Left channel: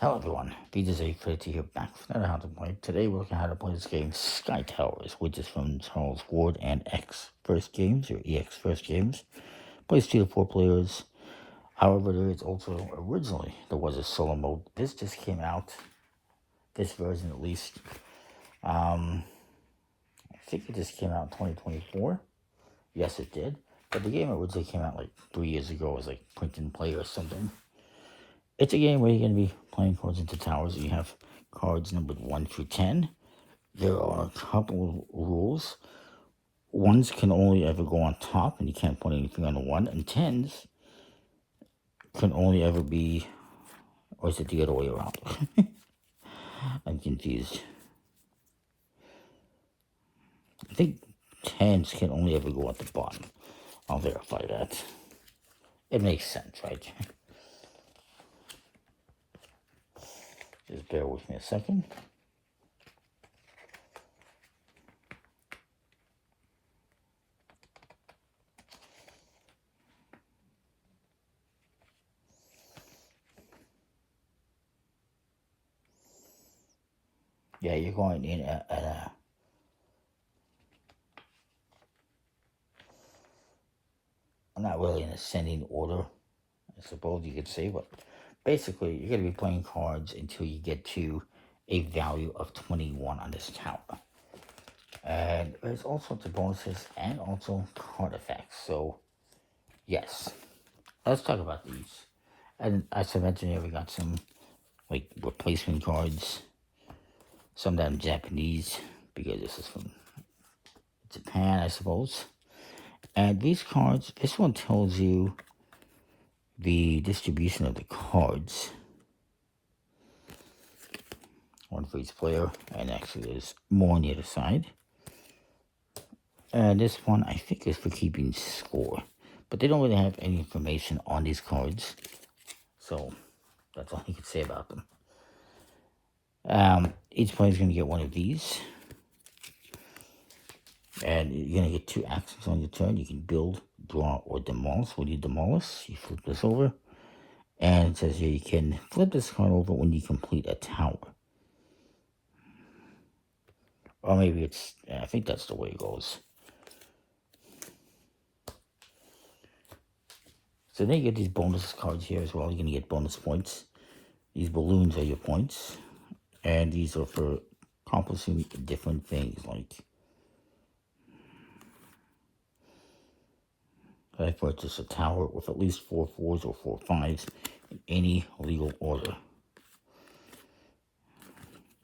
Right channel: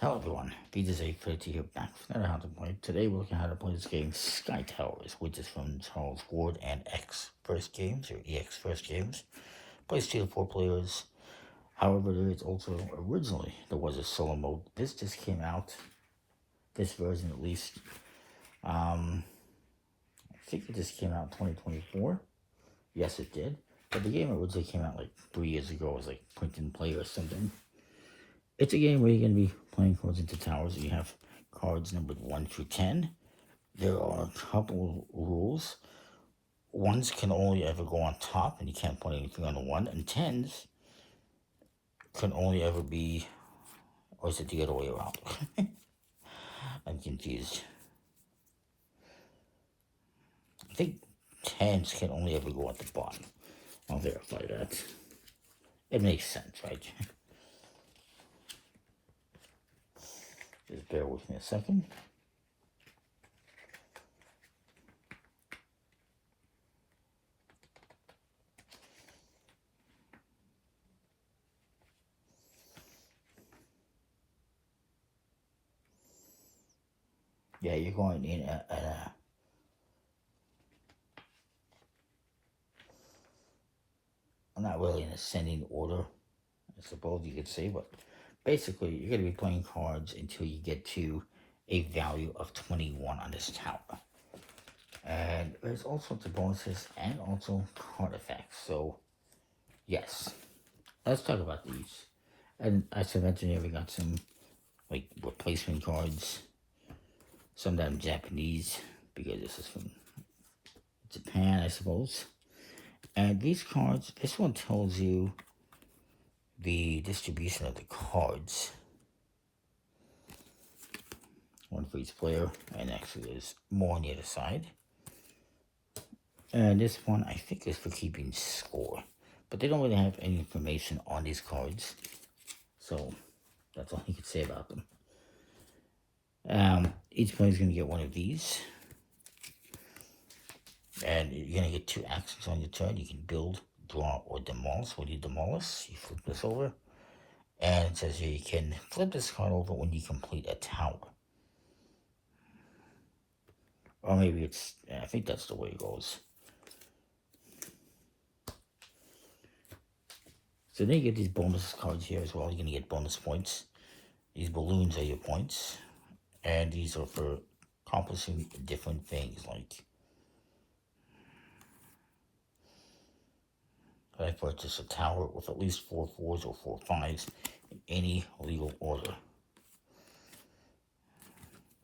Hello everyone, Peter's a critic here back for another How to Play. Today we're looking at how to play this game Sky Towers, which is from Charles Ward and X First Games, or EX First Games. Plays 2 to 4 players. However, there is also, originally, there was a solo mode. This just came out, this version at least. I think it just came out in 2024. Yes, it did. But the game originally came out like 3 years ago as like print and play or something. It's a game where you're going to be playing cards into towers. You have cards numbered 1 through 10. There are a couple of rules. 1s can only ever go on top, and you can't put anything on the 1. And 10s can only ever be, or is it the other way around? I'm confused. I think 10s can only ever go at the bottom. I'll verify that. It makes sense, right? Just bear with me a second. Yeah, you're going in at a not really in ascending order, I suppose you could say, but basically you're going to be playing cards until you get to a value of 21 on this tower. And there's all sorts of bonuses and also card effects. So, yes, let's talk about these. And as I mentioned here, we got some like replacement cards. Some of them Japanese, because this is from Japan, I suppose. And these cards, this one tells you the distribution of the cards. One for each player, and actually there's more on the other side. And this one, I think, is for keeping score. But they don't really have any information on these cards. So, that's all you can say about them. Each player is going to get one of these. And you're going to get 2 actions on your turn. You can build, draw, or demolish. When you demolish, you flip this over. And it says here you can flip this card over when you complete a tower. Or maybe it's, I think that's the way it goes. So then you get these bonus cards here as well. You're going to get bonus points. These balloons are your points. And these are for accomplishing different things, like I purchased a tower with at least 4 4s or 4 5s in any legal order.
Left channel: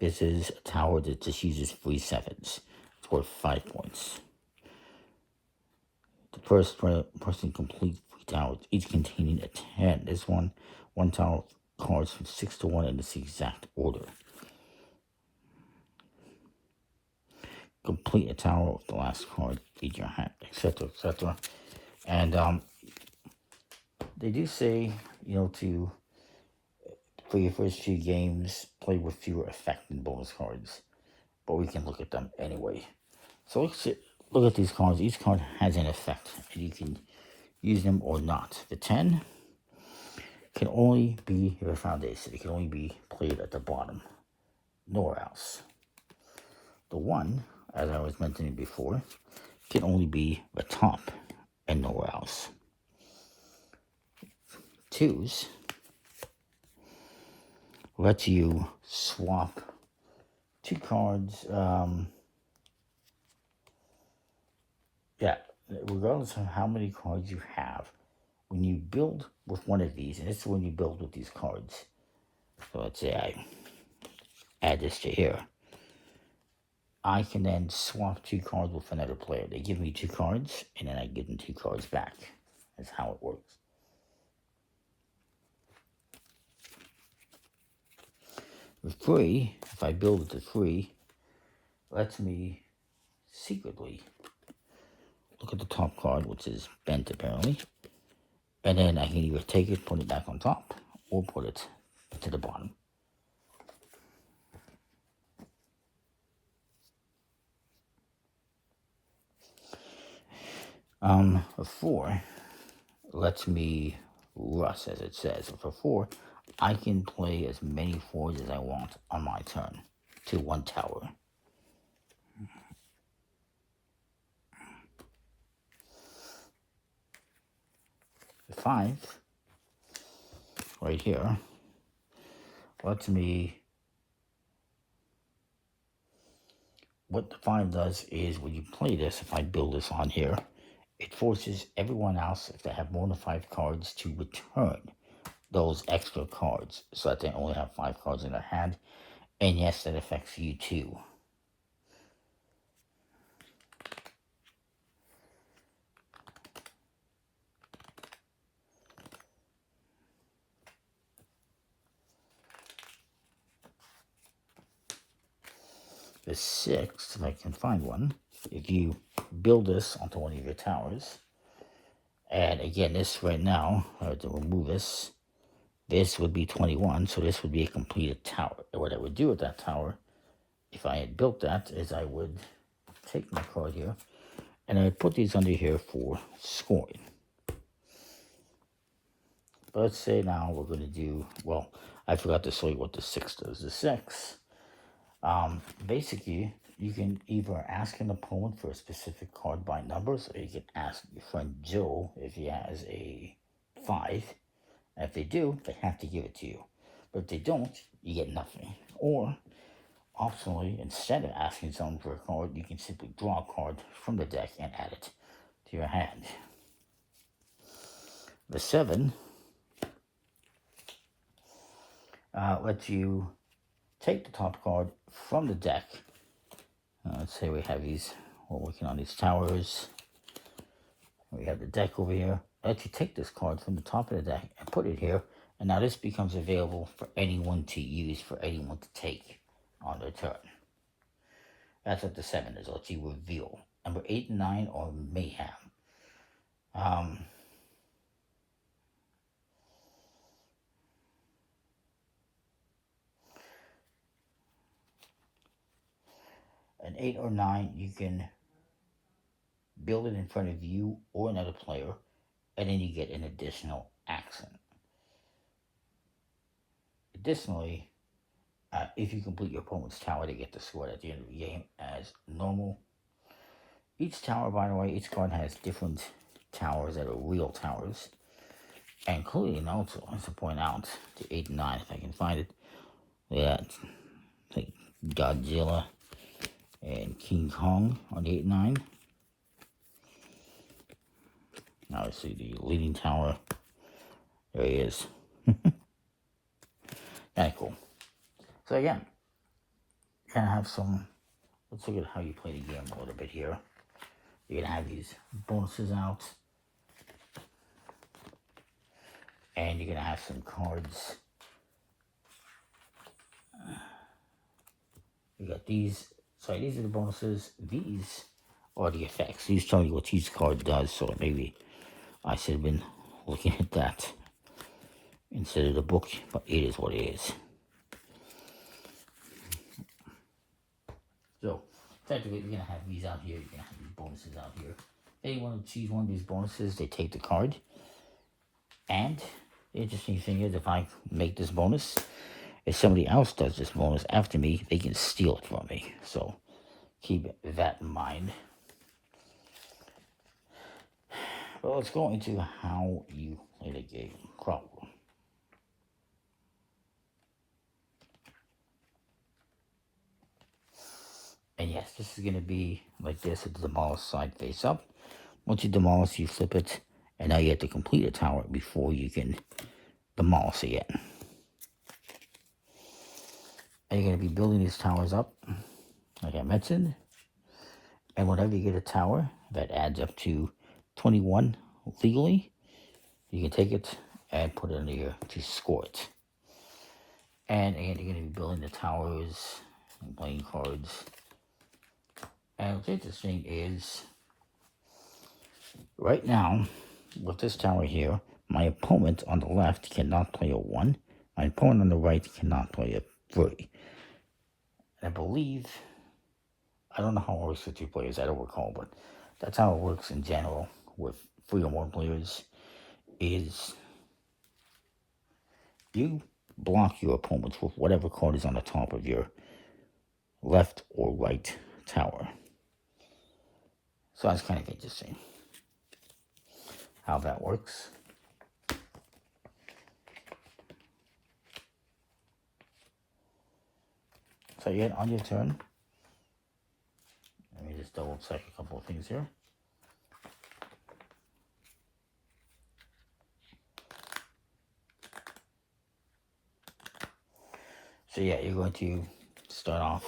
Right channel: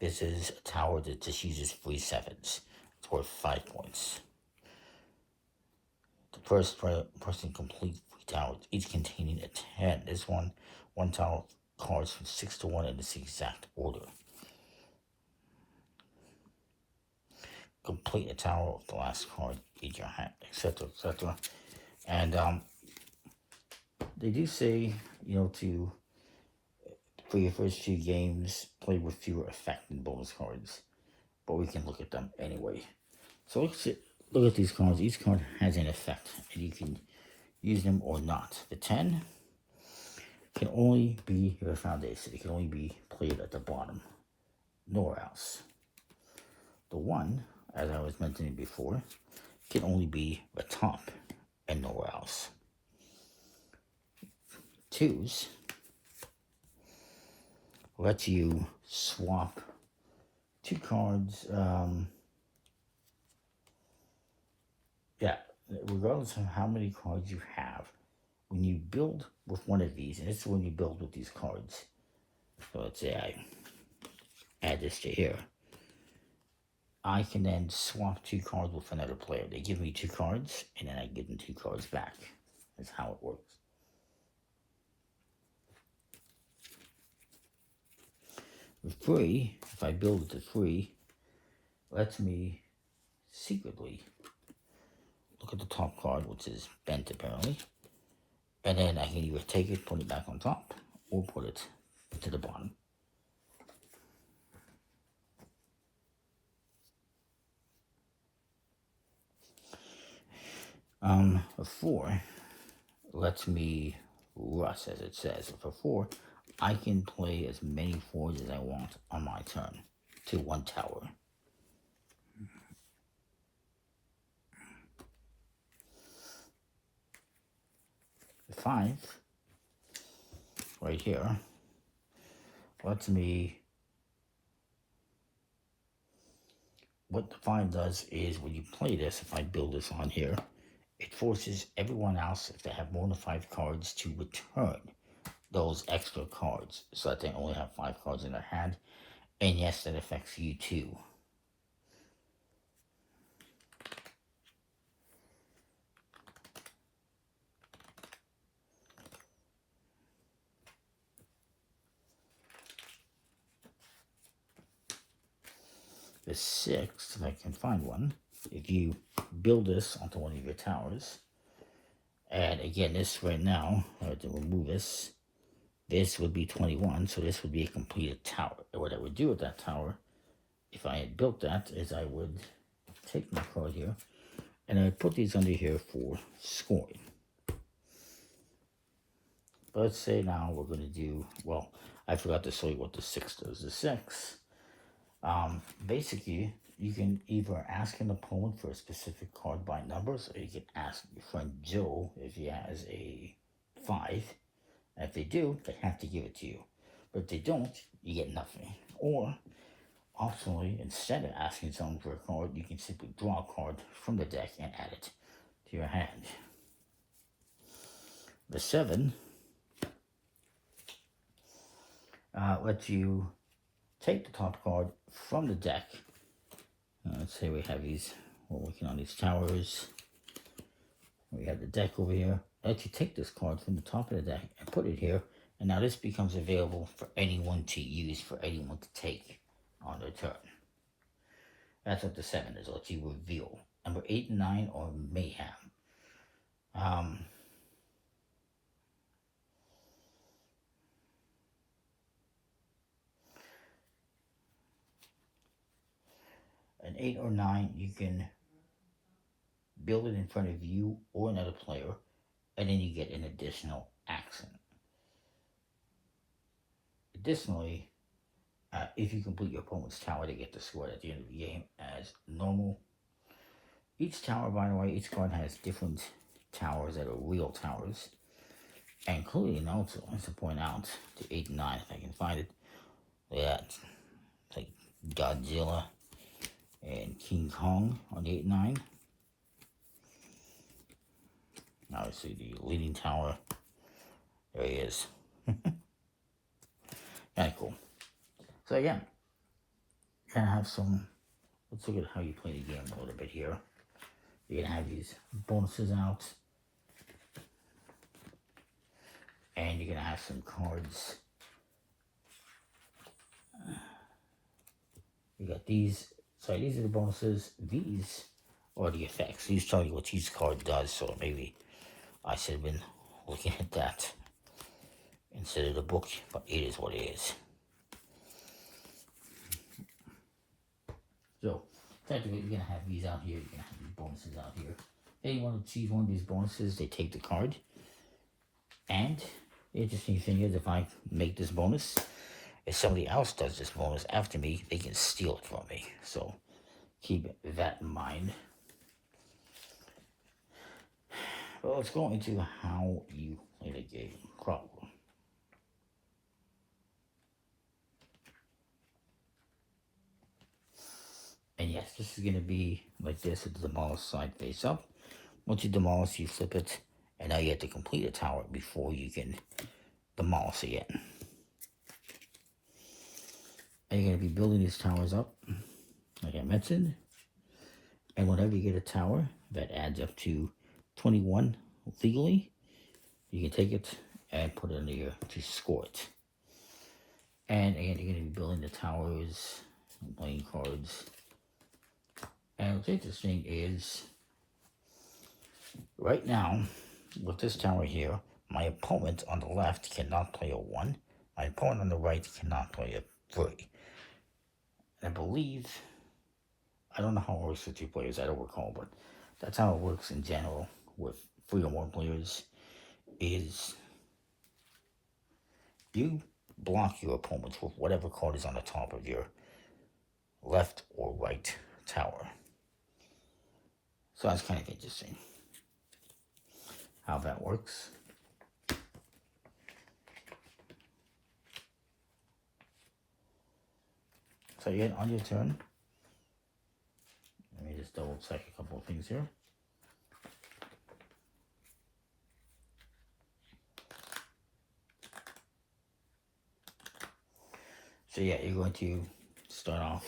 This is a tower that just uses 3 7s. It's worth 5 points. The first person complete 3 towers, each containing a 10. This one tower cards from 6 to 1 in this exact order. Complete a tower with the last card in your hand, etc., etc. And they do say, you know, to for your first 2 games, play with fewer effect and bonus cards. But we can look at them anyway. So let's look at these cards. Each card has an effect, and you can use them or not. The 10 can only be your foundation. It can only be played at the bottom, nowhere else. The 1, as I was mentioning before, can only be the top and nowhere else. 2s lets you swap 2 cards. Yeah, regardless of how many cards you have, when you build with one of these, and this is when you build with these cards. So let's say I add this to here. I can then swap 2 cards with another player. They give me 2 cards, and then I give them 2 cards back. That's how it works. With 3, if I build with the 3, it lets me secretly look at the top card, which is bent apparently, and then I can either take it, put it back on top, or put it to the bottom. A 4 lets me rust, as it says. For 4, I can play as many forwards as I want on my turn to one tower. The 5, right here, lets me... What the 5 does is when you play this, if I build this on here, it forces everyone else, if they have more than 5 cards, to return those extra cards so that they only have 5 cards in their hand. And yes, that affects you too. The 6, if I can find one, if you build this onto one of your towers, and again, this right now, I have to remove this. This would be 21, so this would be a completed tower. And what I would do with that tower, if I had built that, is I would take my card here, and I would put these under here for scoring. But let's say now we're going to do, well, I forgot to show you what the 6 does. The 6, basically, you can either ask an opponent for a specific card by numbers, or you can ask your friend Joe if he has a 5. And if they do, they have to give it to you. But if they don't, you get nothing. Or, optionally, instead of asking someone for a card, you can simply draw a card from the deck and add it to your hand. The 7 lets you take the top card from the deck. Let's say we have these, we're working on these towers. We have the deck over here. Lets you take this card from the top of the deck and put it here. And now this becomes available for anyone to use, for anyone to take on their turn. That's what the 7 is. Lets you reveal. Number 8 and 9 are mayhem. An 8 or 9, you can build it in front of you or another player, and then you get an additional accent. Additionally, if you complete your opponent's tower, they get the score at the end of the game as normal. Each tower, by the way, each card has different towers that are real towers, including also, I have to point out, the 8 and 9, if I can find it. Yeah, it's like Godzilla and King Kong on the 8 and 9. Now let's see the leading tower. There he is. Kind of cool. So again, kind of have some, let's look at how you play the game a little bit here. You're going to have these bonuses out. And you're going to have some cards. You got these. So these are the bonuses. These are the effects. These tell you what each card does. So maybe I should have been looking at that instead of the book. But it is what it is. So effectively, you're going to have these out here. You're going to have these bonuses out here. If they want to choose one of these bonuses, they take the card. And the interesting thing is, if I make this bonus, if somebody else does this bonus after me, they can steal it from me. So keep that in mind. Well, let's go into how you play the game properly. And yes, this is going to be like this with the demolish side face up. Once you demolish, you flip it, and now you have to complete a tower before you can demolish it. And you're going to be building these towers up, like I mentioned. And whenever you get a tower that adds up to 21 legally, you can take it and put it in here to score it. And again, you're going to be building the towers and playing cards. And what's interesting is, right now, with this tower here, my opponent on the left cannot play a 1. My opponent on the right cannot play a 3. I believe, I don't know how it works with 2 players, I don't recall, but that's how it works in general with 3 or more players, is you block your opponents with whatever card is on the top of your left or right tower. So that's kind of interesting how that works. So yet on your turn, let me just double check a couple of things here. So yeah, you're going to start off,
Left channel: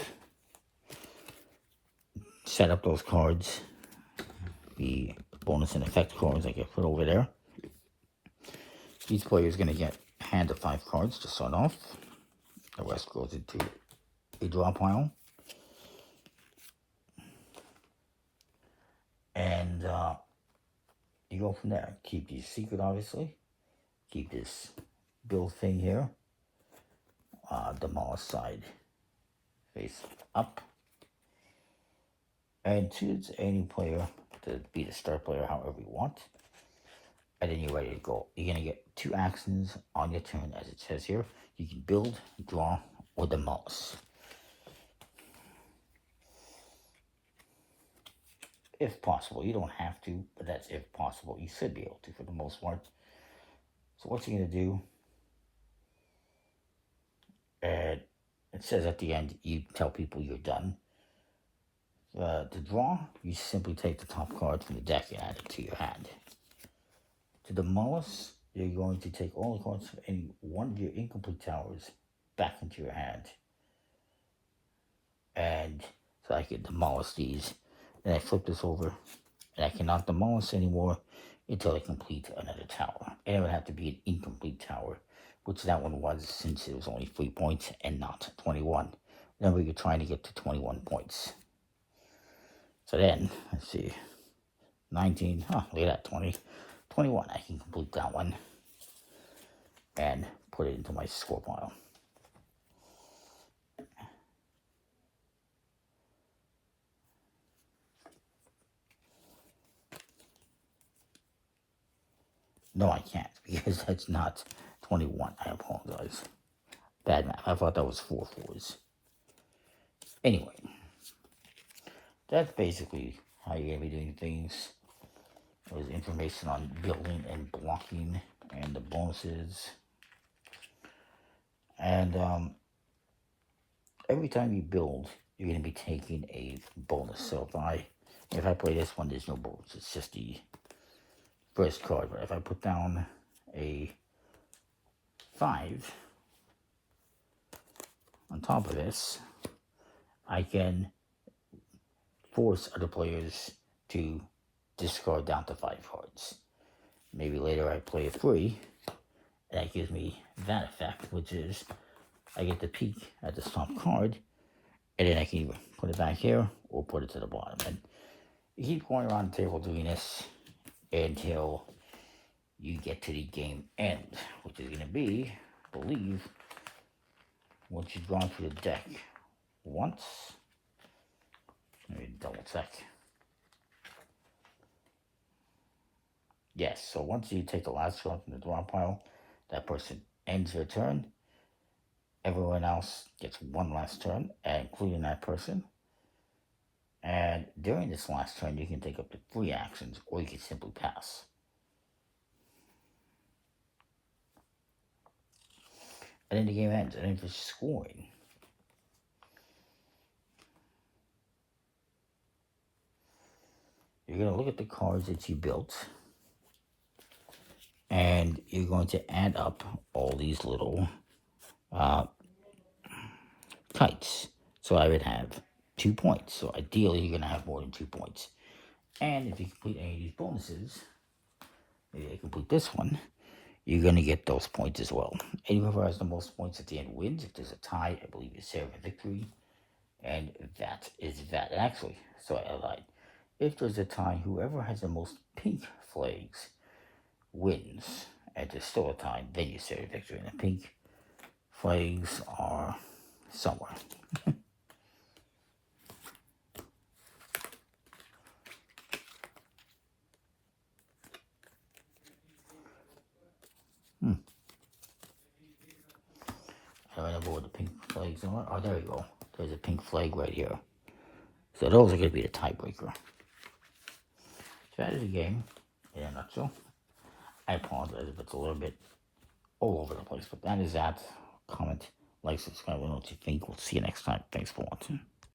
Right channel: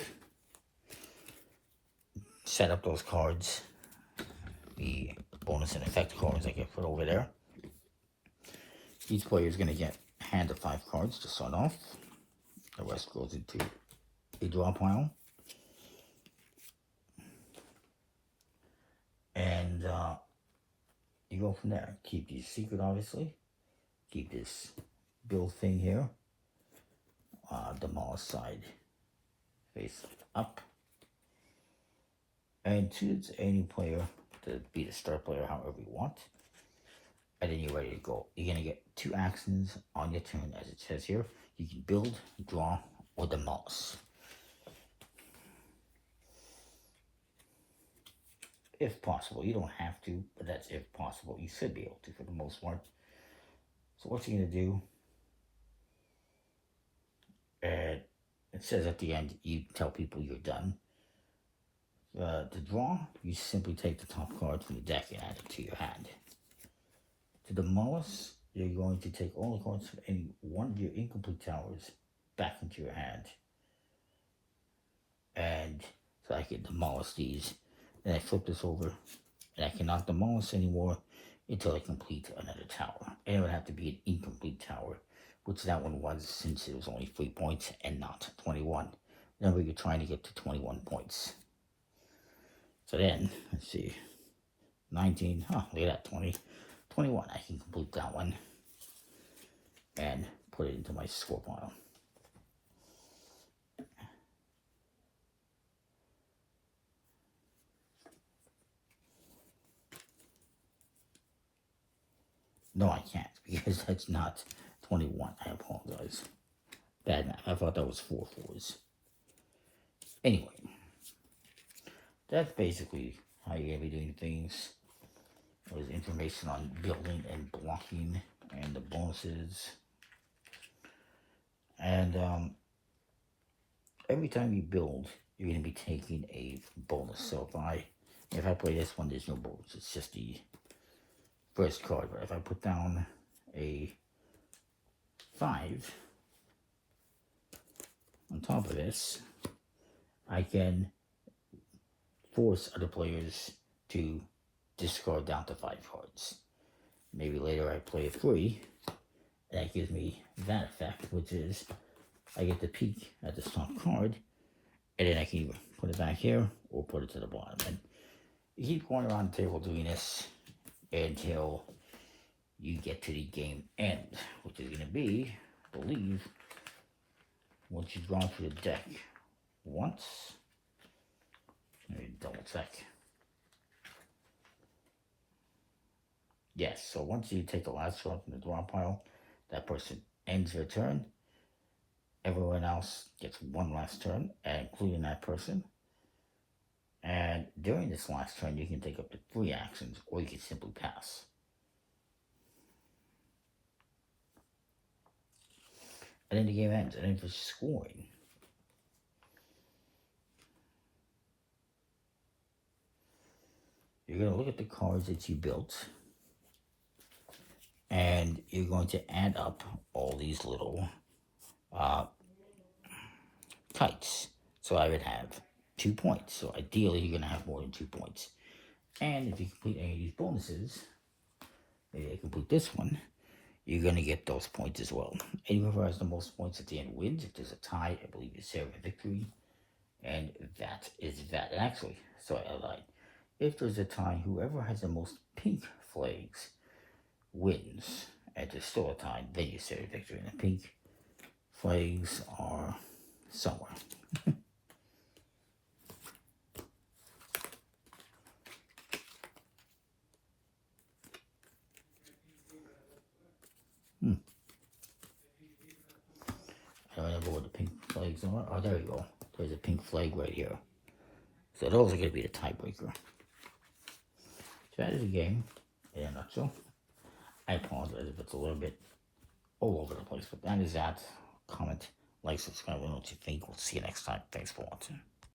set up those cards, the bonus and effect cards I get put over there. Each player is going to get a hand of 5 cards to start off. The rest goes into a draw pile. And you go from there. Keep these secret, obviously. Keep this build thing here. Demolish side face up. And choose any player to be the start player, however you want. And then you're ready to go. You're going to get 2 actions on your turn, as it says here. You can build, draw, or demolish. If possible. You don't have to, but that's if possible. You should be able to for the most part. So what you're going to do, and it says at the end, you tell people you're done. To draw, you simply take the top card from the deck and add it to your hand. To demolish, you're going to take all the cards from any one of your incomplete towers back into your hand. And so I can demolish these. Then I flip this over, and I cannot demolish anymore until I complete another tower. And it would have to be an incomplete tower, which that one was, since it was only 3 points and not 21. Remember, you're trying to get to 21 points. So then, let's see, 19, oh, look at that, 20, 21. I can complete that one and put it into my score pile. No, I can't, because that's not 21. I apologize. Bad math. I thought that was 4 fours. Anyway, that's basically how you're going to be doing things. There's information on building and blocking and the bonuses. And every time you build, you're going to be taking a bonus. So if I play this one, there's no bonus. It's just the first card. But if I put down a 5 on top of this, I can force other players to discard down to 5 cards. Maybe later I play a 3, and that gives me that effect, which is I get to peek at the top card, and then I can either put it back here or put it to the bottom. And you keep going around the table doing this until you get to the game end, which is going to be, I believe, once you draw through the deck once. Let me double check. Yes, so once you take the last card from the draw pile, that person ends their turn. Everyone else gets one last turn, including that person. And during this last turn, you can take up to 3 actions, or you can simply pass. And then the game ends. And then for scoring, you're going to look at the cards that you built, and you're going to add up all these little kites. So I would have 2 points. So ideally, you're going to have more than 2 points. And if you complete any of these bonuses, maybe I complete this one, you're going to get those points as well. And whoever has the most points at the end wins. If there's a tie, I believe it's Sarah victory. And that is that. And actually, so I lied. If there's a tie, whoever has the most pink flags wins. And there's still a tie, then you say victory. And the pink flags are somewhere. the pink flags are. Oh, there you go. There's a pink flag right here. So those are going to be the tiebreaker. Strategy game, in a nutshell. I apologize if it's a little bit all over the place, but that is that. Comment, like, subscribe, and what you think. We'll see you next time. Thanks for watching.